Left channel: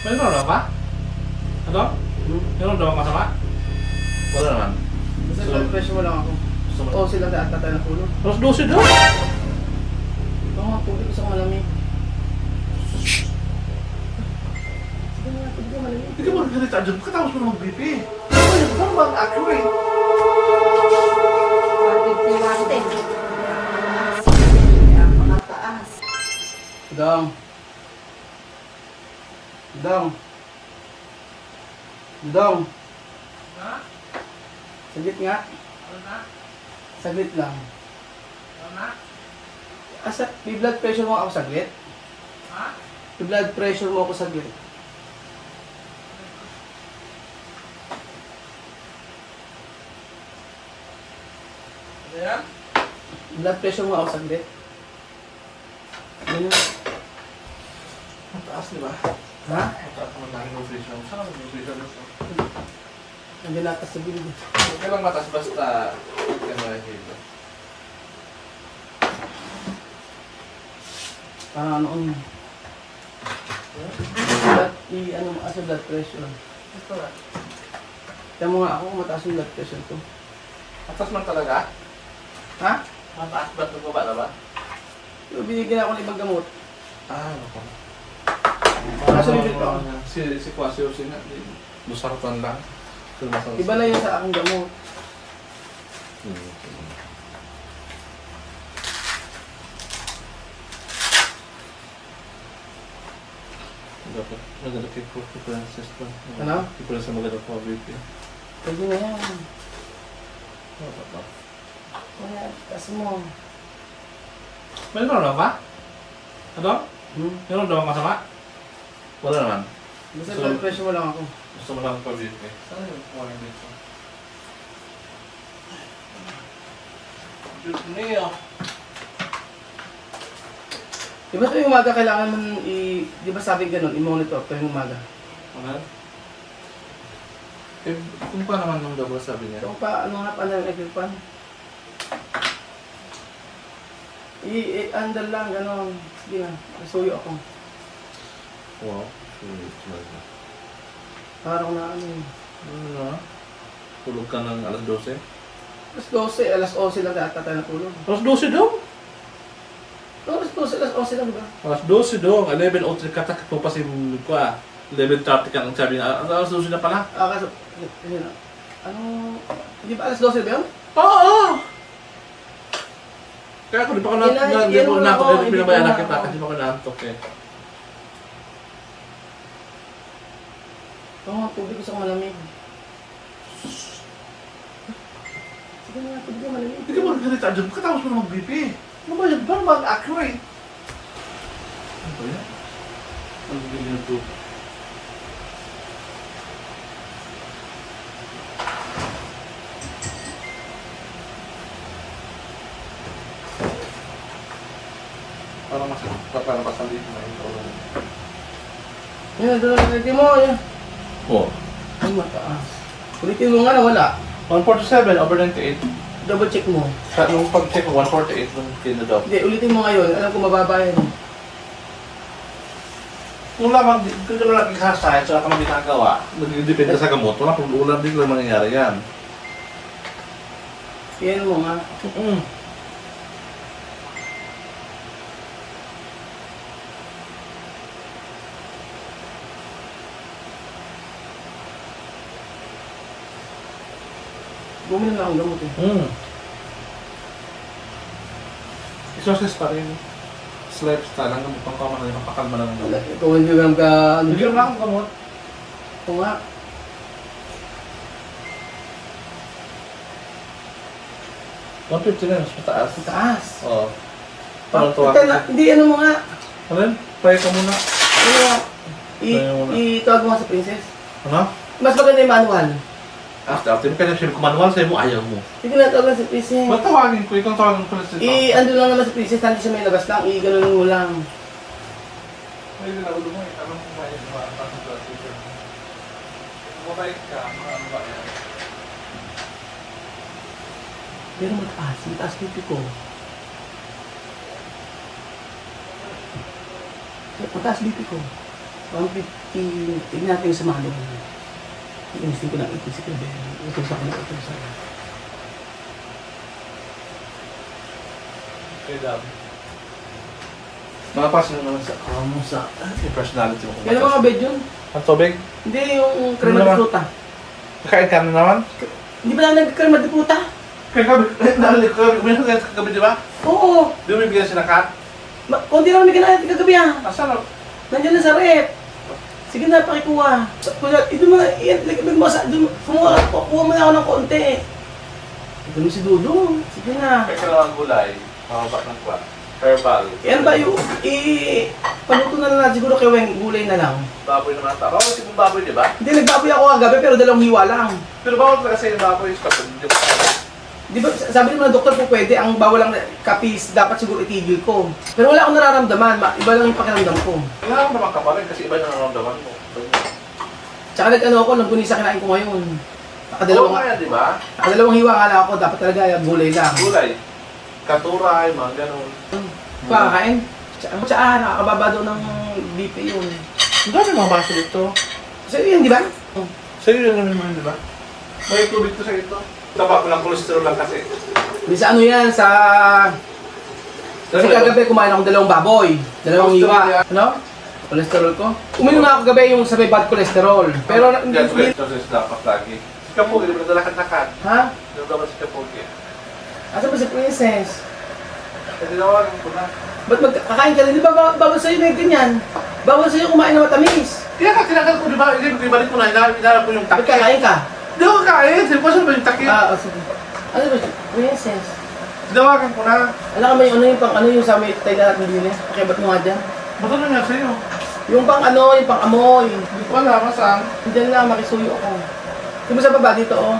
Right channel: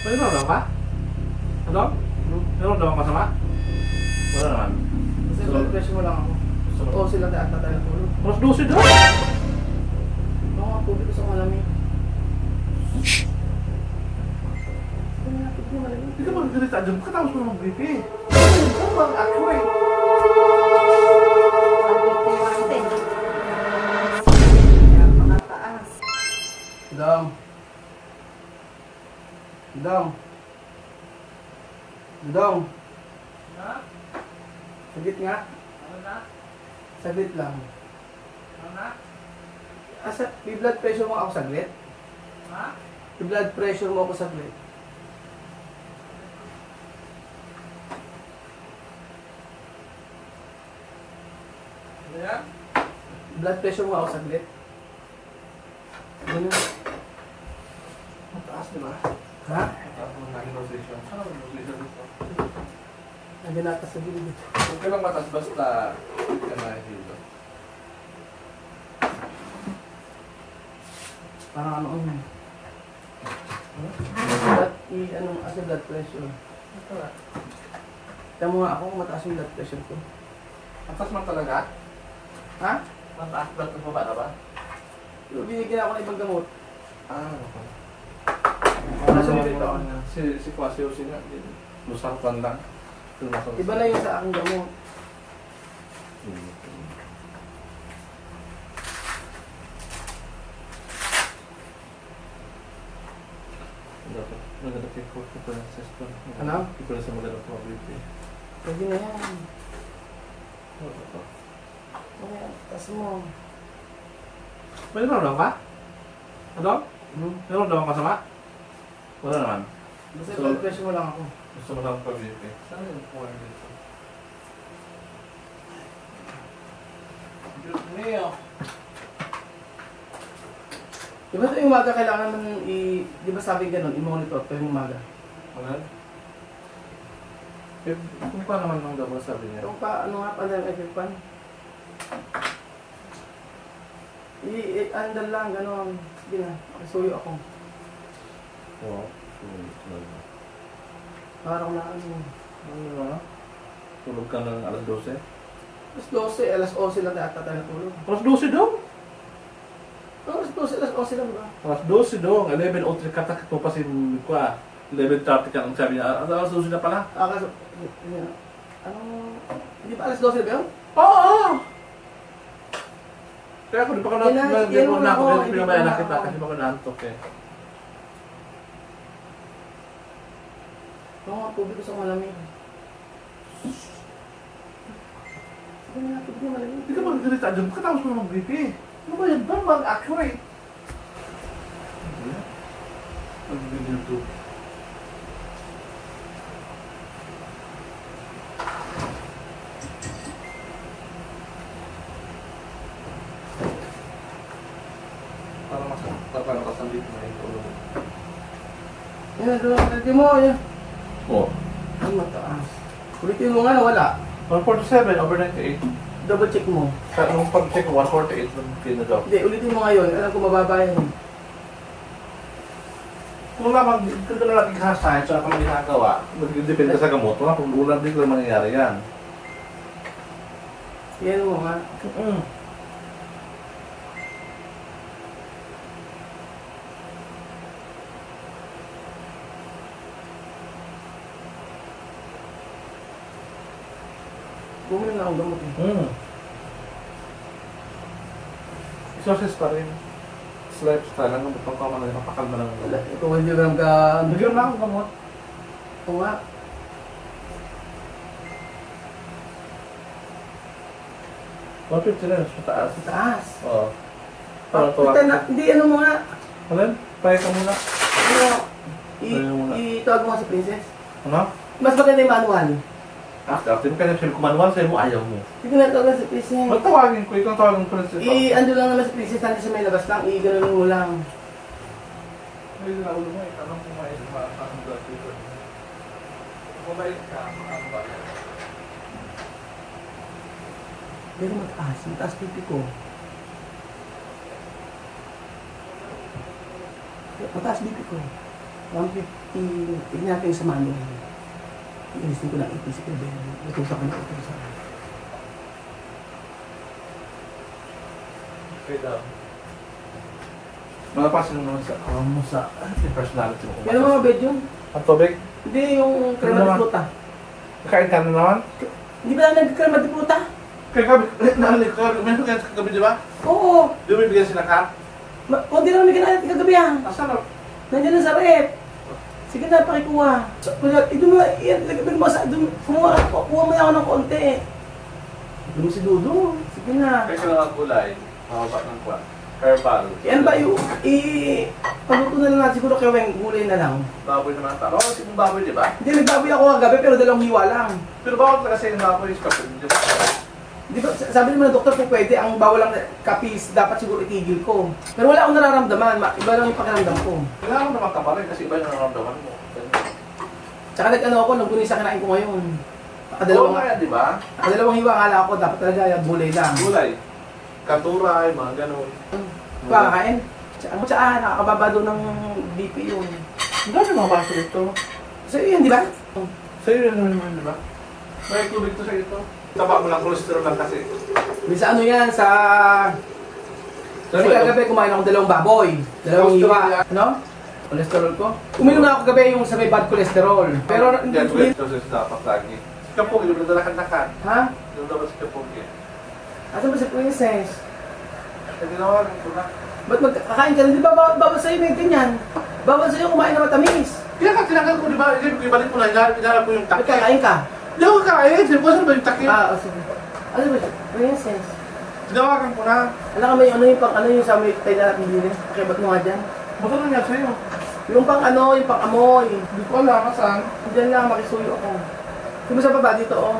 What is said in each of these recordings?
May nararamdaman ka? Ano? Nararamdaman ka masama? Wala naman. Kasi pressure mo lang ako. Oo, sila tatay ng ulo. Alas 12 daw. Oo nga, tubig isang malamig. Hindi ka mag-recharge dyan. Katapos mo mag-BP. Ito mag-accurate. 150, 110. Mga taas. Dang. Dang. Dang. Ha? Saglit nga. Ano na? Saglit lang. Ano na? Asa, may blood pressure mo ako saglit? Ha? May blood pressure mo ako saglit. Ano yan? Blood pressure mo ako saglit. Ano? Mataas, di ba? Ha? Mataas naman namin nutrition. Saan ang nutrition nito? Nandiyan natin sa bilog. Huwag ka lang mataas basta dito. Ano yun? Ano mo kasi blood pressure. Ito na. Kaya mo nga ako kung mataas yung blood pressure ko. Mataas lang talaga? Ha? Mataas blood ko ba? Binigyan ako ng ibang gamot. Okay. Nasa dito ako. Si Kwasyo nga, busartan lang. Iba na yun sa aking gamot. Dapat maganda ko preferences ko. Ano? Preferences sa maganda ko BP. Pwede na yan. Wala, kasi mo. May nararamdaman ka? Ano? Nararamdaman ka masama? Wala naman. Basta So- blood pressure mo lang ako. Gusto mo lang pa BP. Saan yung kuha dito? Diyos niyo. Di ba tuwing umaga kailangan man di ba sabi ganun, i-monitor tuwing umaga? Ano? Eh, kung pa naman nung double sabi niya. Ito pa, ano nga pa ng equipment? I-andal lang, gano'n. Sige nga, nasuyo ako. Oo. Parang na ano eh. Ano na? Tulog ka ng alas 12? Alas 12, alas 11 lang tayo natulog. Alas 12 daw? Alas 12, alas 11 lang ba? Alas 12 daw. 11:03 katakit mo pa si Mukwa. 11:30 ka ang sabi na. Alas 12 na pala? Kaso, ano, hindi ba alas 12 ba yun? Oo! Kaya ako di pa ko Yan na, hindi ko yan na ako, ako hindi pinabayan ko na na kita ako. kasi di pa ko naantok eh. Oo nga, tubig isang malamig. Sige na, tubig yung malamig. Hindi ka mag-recharge dyan. Katapos mo mag-BP. Ano ba yan? Paano mag-accurate? Ano ba yan? Ano ba yan ito? Parang kasal dito na ito. Yan, ulitin mo, yan. Oo. Ang mataas. Ulitin mo nga na wala. 147 over 98. Double check mo. Sa yung pag-check ko, 148 lang kinadop. Hindi, ulitin mo ngayon. Alam ko mababa yan. Kung lamang, kung ka lang ikasahit, saka ka ginagawa, nagdepende sa gamot, wala kung ulam, di ko lang mangyayari yan. Yan mo nga. Bumili na ang gamot eh. Isosis pa rin. Lifestyle, ang gamot, pangkama na rin, makakalma na ng gamot. Ikaw hindi lang ka... Hindi lang ang gamot. Ito nga. $150 na, mas mataas. Mataas. Oo. Ika na, hindi ano mo nga. Ano? Try ka muna. Ano nga. Itawag mo nga sa princess. Ano? Mas maganda yung manual. After mo kaya siya kumanual sa'yo mo, ayaw mo. Hindi na tawag sa princess. Ba't tawagin ko? Itong tawagin ko na sa ito. Ando lang naman sa princess, hindi siya may labas lang. Ganun mo lang. Hindi na ulo mo eh. Tamang kumain. Tamang blood pressure. Mabait ka. Mabait ka. Pero mataas. Mataas pipi ko. Mataas pipi ko. 150, tignan natin sa manong. Inisip ko ng 80 si Gabi. Ito sa kanila, ito sa kanila. Okay lang. Makapasok naman sa Kamusa. yung personality mo. Kaya mga bed yun? Ang tubig? Hindi, yung crema de fruta. Kakain ka na naman? Hindi ba na nag-crema de fruta? Kagabi, naalala ko, uminom ka kagabi, di ba? Oo. Di mo bibigyan si Nakat? Kunti naman may kinain kagabi ah. Asan na? Nandiyan na sa rep. Sige na, pakikuha. Ito mo na, ilagay mo sa, kuha mo na ako ng konti. Ito mo si Dudong. Sige na. Kaya kailangan gulay, makaba ng kwa. Herbal. Yan ba yung, paluto na lang natin siguro kay Weng, gulay na lang. Baboy naman ata. Bawal kasi kung baboy, di ba? Hindi, nagbaboy ako kagabi pero dalawang hiwa lang. Pero bawal ka kasi yung baboy is kapag, di ba? Di ba, sabi naman ng doktor po pwede, ang bawal lang kapis, dapat siguro itigil ko. Pero wala akong nararamdaman, iba lang yung pakiramdam ko. Kailangan mo naman kaparin kasi iba na nararamdaman mo. Tsaka nag-ano ako, langgunisa kinain ko ngayon. Oo nga yan, di ba? Nakadalawang hiwa nga lang ako, dapat talaga gulay lang. Gulay. Katuray, mga ganun. Kakain. Tsaka nakakababa doon ng BP yun. Ang dami mga baso ito. So yun, di ba? Sa'yo yun naman, di ba? May tubig to sa ito. Taba mo lang cholesterol lang kasi. Hindi sa ano yan, sa... Kasi kagabi kumain ako dalawang baboy. Dalawang hiwa. Ano? Cholesterol ko? Uminom na ako kagabi yung sa may bad cholesterol. Pero... Yan, cholesterol dapat lagi. Si Kapog, di ba dalakad-lakad? Ha? Yung dapat si Kapog yan. Asan ba si Princess? Kasi nawagan ko na. Ba't magkakain ka rin? Di ba bawal sa'yo na ganyan? Bawal sa'yo kumain na matamis. Kaya ka, tinanggal ko, di ba? Hindi ko ibalik mo na, hinarap ko yung Ba't takip. kakain ka? Hindi ako kain, di ba saan ba yung takip? O sige. Ano ba? Princess? Tinawagan ko na. Ano ka may ano yung pang ano yung sa may tayo natin din eh? Pakibat mo nga dyan. Ba't ano nangyari sa'yo? Yung pang ano, yung pang amoy. Hindi ko alam, saan? Diyan na, makisuyo ako. Yung mo sa baba dito oh.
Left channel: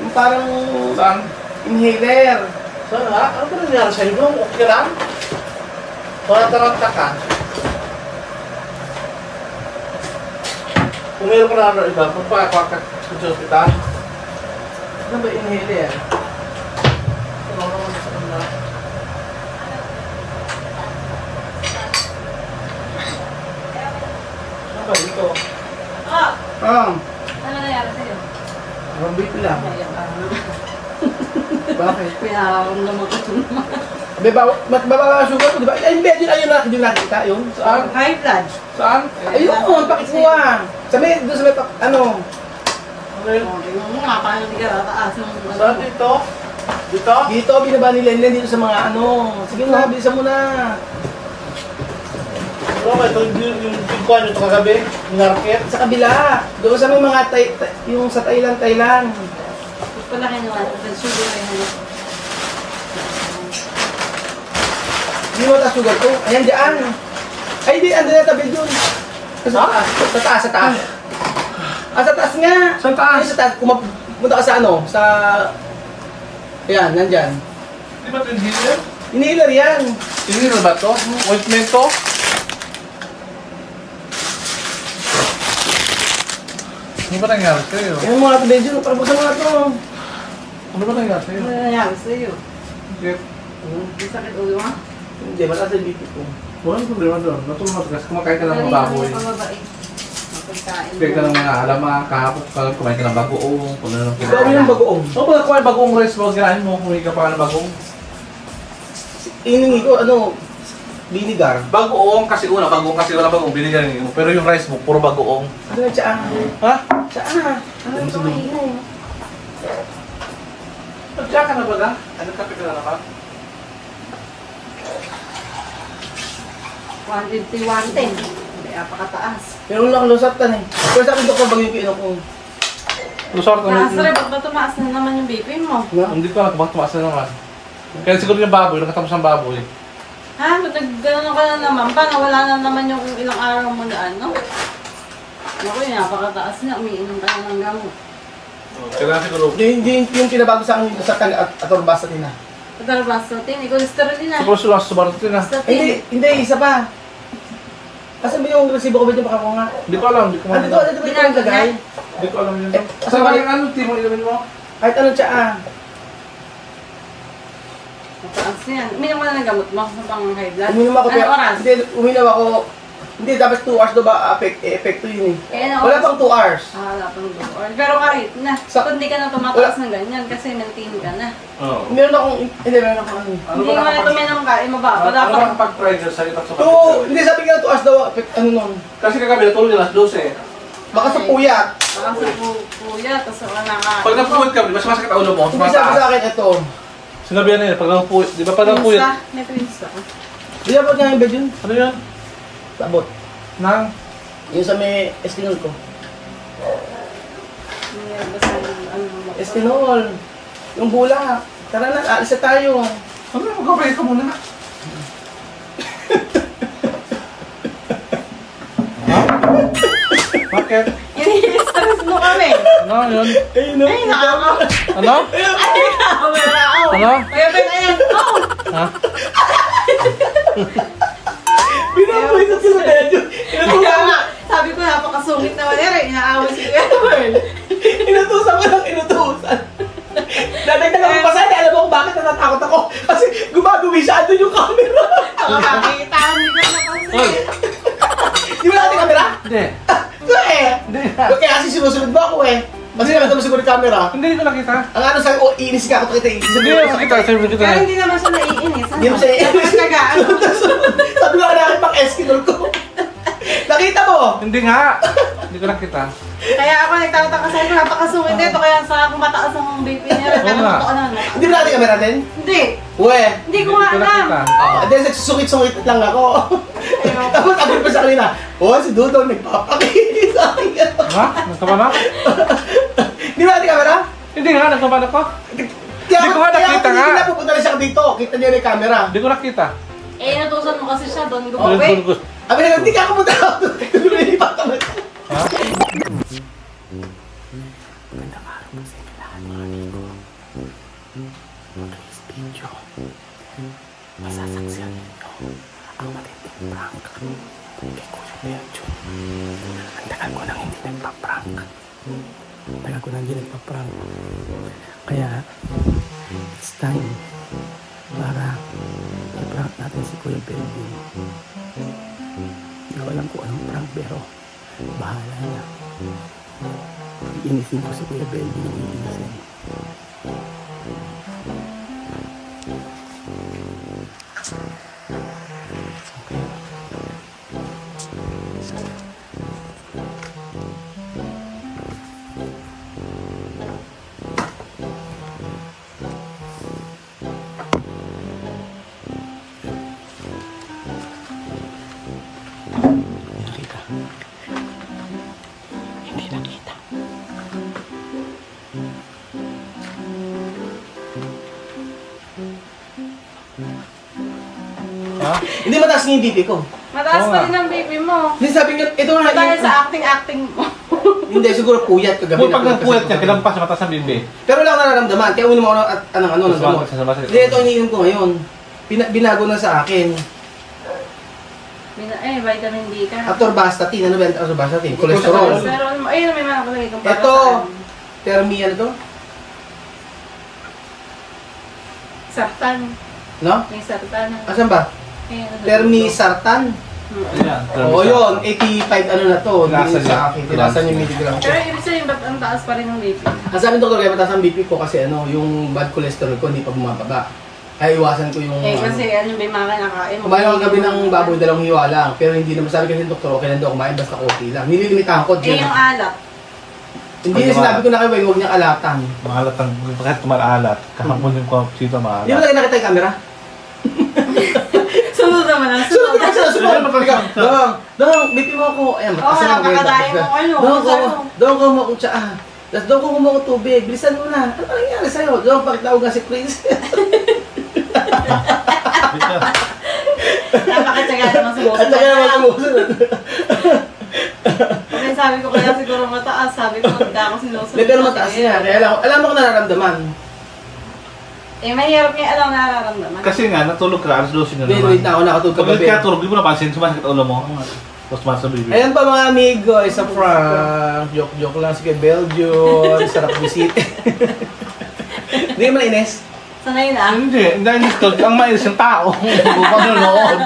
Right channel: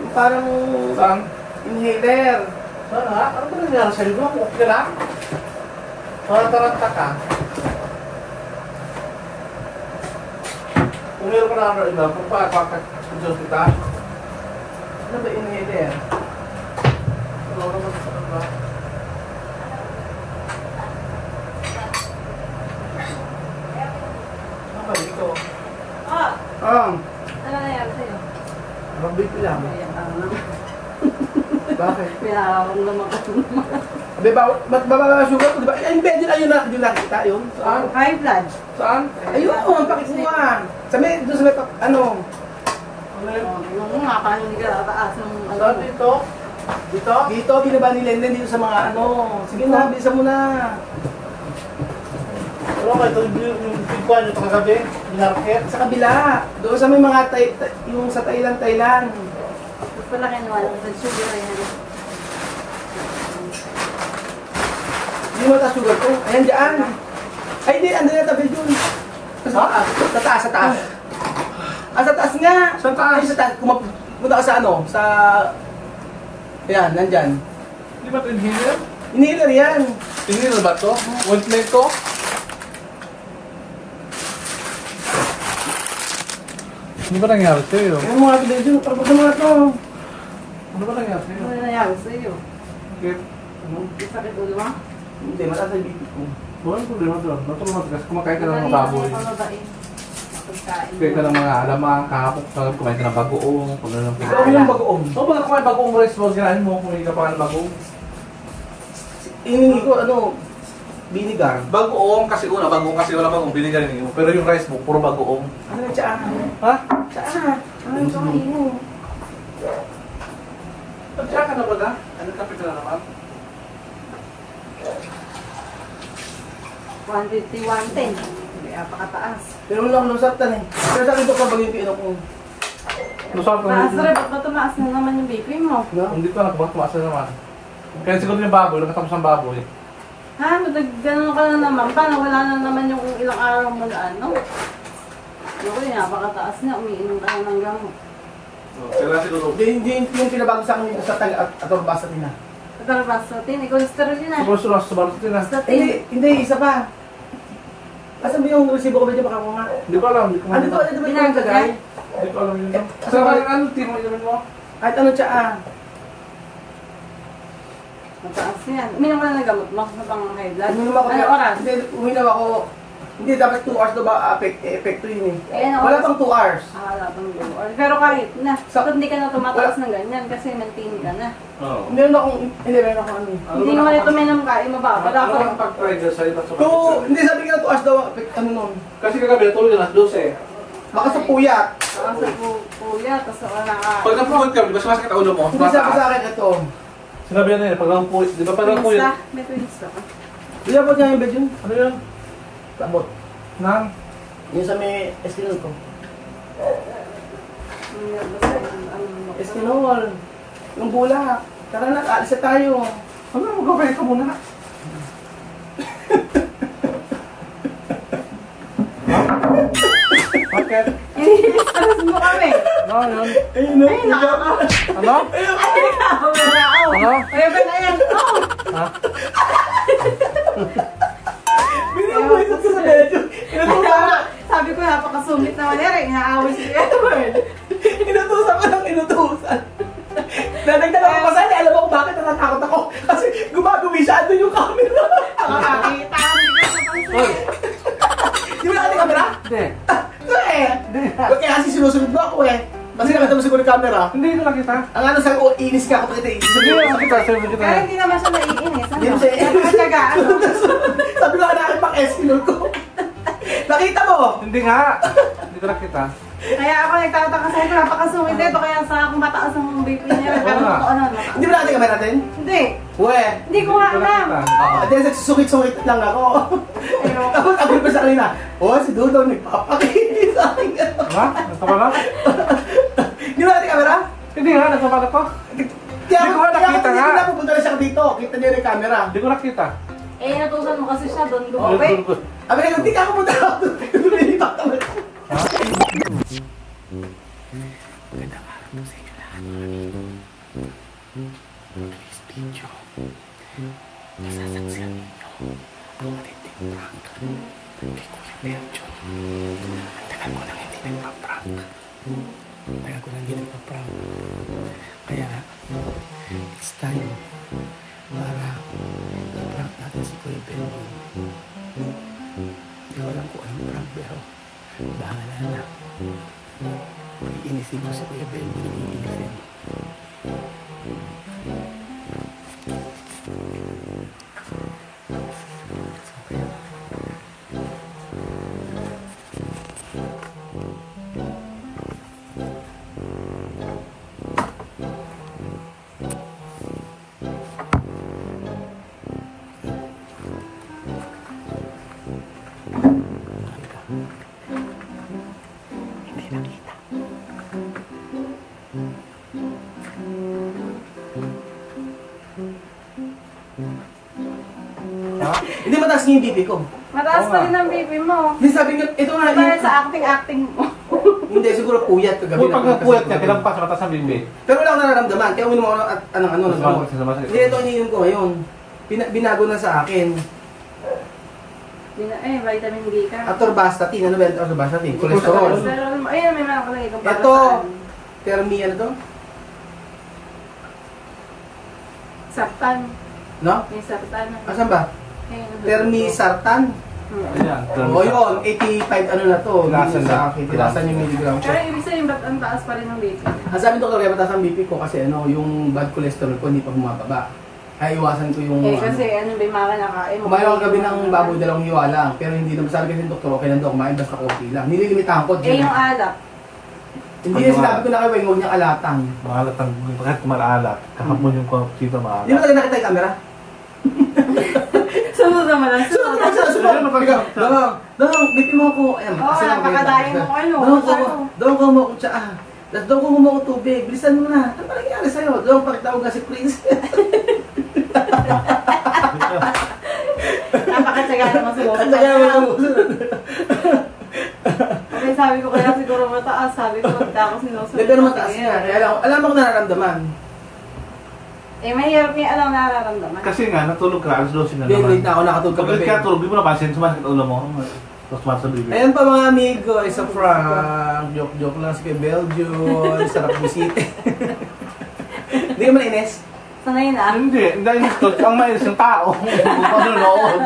Yung parang Saan? inhaler. Saan nga? Ano ba nangyari sa'yo? Yung okay lang? Wala taranta ka? Kung meron ko na ano iba, kung pa ako ka sa hospital? Ano ba inhaler? Ano ba dito? Ah! Ano nangyari sa'yo? Parang BP lang. Bakit? Pinakaroon naman ko naman. Abe, bababa ang sugar, di ba? Ay, hindi, ayun na, hindi nakita yun. Saan? High blood. Saan? Ayun, pakikuha. Sa may, doon sa may, ano, Tingnan mo nga, paano hindi ka tataas ng Saan dito? Dito? dito, binaba ni Lenlen dito sa mga ano. Sige na, bilisan mo na. Oo nga, ito yung bigkuhan ito kagabi, yung market. Sa kabila, doon sa may mga, yung sa Thailand. palaki naman. Sugar rin. Hindi mo taas sugar ko. Ayan, dyan. Ay, hindi, andun na tabi dun. Sa taas, sa taas, sa taas. Ah, sa taas nga. Sa taas? Ay, sa taas. Kung punta ka sa ano, sa... Ayan, nandyan. Di ba ito yung healer? Inhaler yan. Healer ba ito? Ointment to? Ano ba nangyari sa'yo? Yung mga tabi dun, para buksan mo na ito. Ano ba nangyari sa'yo? Ano nangyari sa'yo? Kaya, May sakit ulo mo? Hindi, mataas ang BP ko. walang problema doon. Natulang matigas, kumakain ka ng mga baboy. Mapagkain. Kumakain ka ng mga alamang, kahapon ka kumain ka ng bagoong, kung ano lang Ikaw yung bagoong. So, pag kumain bagoong rice mo, ganahin mo kung hindi ka pa ng bagoong. Iningi ko, ano, vinegar. Bagoong kasi una, bagoong kasi wala bagoong, binigyan mo. Pero yung rice mo, puro bagoong. Ano yung tsaa? Ha? Tsaa. Ano yung kamain mo? Nandiyan ka na ba na? Ano kape ka na naman? 150, 110. Kaya pakataas. Pero lang lusatan eh. Pero sabi ko kung bagay yung ko. Gusto ko Taas na rin, ba't ba tumaas na naman yung BP mo? Hindi ko na, tumaas na naman. Kaya siguro yung baboy, nakatapos ang baboy. Ha? Nag-ganon ka na naman. Paano wala na naman yung ilang araw mo daan, no? Naku yun, napakataas niya. Umiinom ka na ng gamot. Kaya siguro, Yung pinabago sa akin sa atorbasa din na. Patalbastatin, cholesterol din ah. supposed to nasa subarutin na. Hindi, isa pa. Asan ba yung resibo ko ba dyan makakuha nga? Hindi ko alam, hindi ko Ano alam. ba yung lagay? Hindi ko alam yun. Eh, Kasi parang ano, timo ilamin mo? Kahit ano tsaa. Mataas yan. Uminom mo na ng gamot mo sa pang high blood. Uminom ako Ano oras? Hindi, uminom ako Hindi, dapat 2 hours daw ba epekto yun eh. Ano, Wala pang 2 hours. wala pang 2 hours. Pero kahit na, kung hindi ka na tumataas ng ganyan kasi maintain ka na. Oo. Meron akong, hindi, meron akong ano. Hindi mo na tuminom ka, mababa. Ano Dapat. ang pag-pressure sa itak sa Hindi sabi ka 2 hours daw, ano nun. Kasi kagabi natulog na alas 12. Baka sa puyat. Kasi kuya, tapos nakaka... Pag napuwit ka, mas masakit ang ulo mo. Hindi sabi sa akin ito. Sinabi yan eh, pag napuwit, di ba pag napuwit? May twins ka. Hindi dapat nga yung bed yun. Ano yan? Sabot. Nang? Yung sa may eskinol ko. Basta ano mo. Eskinol. Yung bula. Tara na, alis na tayo. Ano na, magkabay ka muna. Bakit? Iniilis mo kami. Ano yun? Ayun na. Ay, nakaka... Ano? Ay, nakaka... Ano? Ayan. Oh! Ha? Binabuhisan ka sa medyo. Kaya nga, sabi ko napakasungit na wala rin. Inaaway si Edward. Inutusan ko ng inutusan. Nadagdagan ko pa sa'yo. Alam mo kung bakit natatakot ako. Kasi gumagawi siya. Andun yung camera. Nakakakita ko hindi ko napansin. Di ba natin camera? Hindi. Ito eh. Kaya kasi sinusunod mo ako eh. Kasi naman mo siguro yung camera. Hindi ko nakita. Ang ano sa'yo, oh, inis ka ako. Inis Hindi ko nakita. Serve kita Pero na. hindi naman siya naiinis. Hindi mo siya iinis. Ang kagaan. Sabi ko na pang eskinol ko. Nakita mo? Hindi nga. Hindi ko nakita. Kaya ako nagtataka sa'yo, napakasungit nito. Kaya sa akong mataas ang BP niya. Pero Oo nga. totoo naman mataas. Hindi ba natin camera natin? Hindi. Uwe. Hindi ko nga Hindi ko nakita. alam. Then nagsusungit-sungit lang ako. Tapos sabi pa sa kanina, oh, si Dudong nagpapakita sa akin. Ha? Nagkabala? Di ba natin camera? Hindi nga. Nagkabala ko. Kaya Hindi ko nga nakita nga. Hindi na pupunta na siya dito. Kita niyo yung camera. Hindi ko nakita. Eh, natusan mo kasi siya doon Ano gumawa. yung tulog? Abi na, hindi ka pupunta ako doon. Lumilipat kami. Tagal ko nang hindi nagpa-prank. Kaya, it's time para prank natin si Kuya Belvin. Nawalan ko anong prank pero bahala na. Iinisin ko si Kuya Belvin ang iinisin. Hindi mataas nga yung BP ko. Mataas Oo pa nga. rin ang BP mo. Hindi sabi niya, ito nga Dahil yung... sa acting mo. Hindi, siguro puyat kagabi Yung pag na. nagpuwet niya, kinampas sa mataas ang bimbi. Pero wala akong nararamdaman. Kaya uminom ako ng ano, ng gamot. Hindi, ito iniinom ko ngayon. Binago na sa akin. Vitamin D ka. Atorvastatin. Ano ba yung atorvastatin? Cholesterol. Pero, ayun, may mga kulay itong Ito. Termi, ano to? Sartan. No? May sartan. Asan ba? Termisartan. Ayan. Oo yun, 85 ano na to. Tinaasan Hindi niya. sa akin. Tinaasan yung milligram ko. Pero ibig sabihin, ba't ang taas pa rin ng BP? Ang sabi ng doktor, kaya mataas ang BP ko kasi ano, yung bad cholesterol ko hindi pa bumababa. Kaya iwasan ko yung Kasi ano, may mga nakain mo. kumain ako gabi ng baboy, 2 hiwa lang. Pero hindi naman sabi kasi ng doktor, okay lang daw kumain basta konti lang. Nililimitahan ko dyan. Yung alat. Hindi na sinabi ko na kayo, huwag niyang alatan. Maalat ang, kahit kumaalat. Kahapon yung sito Hindi mo maalat. talaga nakita yung camera? Sunod naman ang Sunod ka sila, sunod! Dong, BP mo ako. Ayan, Oo, mataas na ako. napakadayo mo ano. Dong, kumawa ko siya. Tapos dong, kumawa ko tubig. Bilisan mo na. Ano ba nangyari sa'yo? Dong, pakitawag nga si Prince. Napakatsaga naman At sumusunod. saka naman sumusunod. Kasi sabi ko kaya siguro mataas. Sabi ko, hindi ako sinusunod. Hindi, pero mataas niya. Kaya alam mo kung nararamdaman. Eh, mahirap nga alam nararamdaman. Kasi nga, natulog ka, alas 12 na Wait naman. na ako nakatulog Pag kagabi. ka tulog, di mo napansin, sumasakit ulo mo. Tapos sumasakit sa bibig. Ayan pa mga amigo, isa prank. Joke lang si kay Belgium. Sarap visit. Hindi ka malainis? Sanay na. Hindi, dahil ito, ang mais yung tao. Bukang nanood.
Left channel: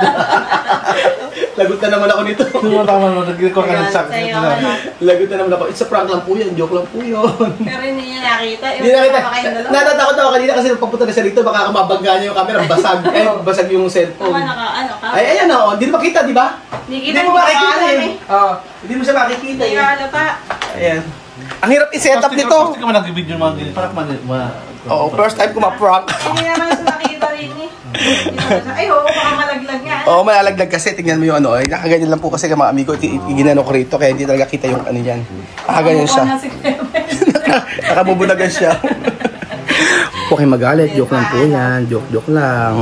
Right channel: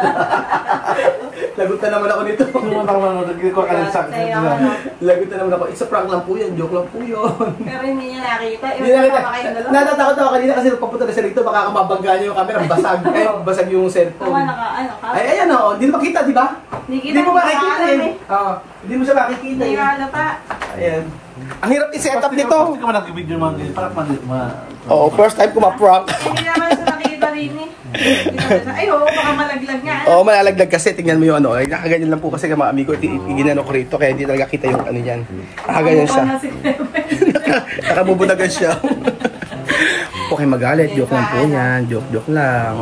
Lagutan naman ako nito. Hindi mo tama nanood, nagiging ko ka ng sakit. Sa'yo, ano. Lagutan naman ako. It's a prank lang po yan. Joke lang po yun. Pero hindi niya nakita. Hindi na kita. Natatakot ako kanina kasi pagpunta na siya rito, baka mabangga niya yung camera. Basag. Basag yung Kung cellphone. ano ka? Ay, ayan o. Hindi na makita, di ba? Hindi mo makikita eh. Oo. Hindi mo siya makikita Hindi eh. halata. Ayan. Ang hirap i-set up nito. Gusto ko man nag-video mga ganito. Para Oo, first time ko ma-prank. Hindi naman siya nakikita rin eh. Hindi naman siya- Ay, oo, baka malaglag nga. Oo, malalaglag kasi. Tingnan mo yung ano. Eh, nakaganyan lang po kasi mga amigo. Ginano ko rito. Kaya hindi talaga kita yung ano yan. Nakaganyan siya. Ano na si Pepe? Nakabubunagan siya. Okay, magalit. Joke lang po yan. Joke lang.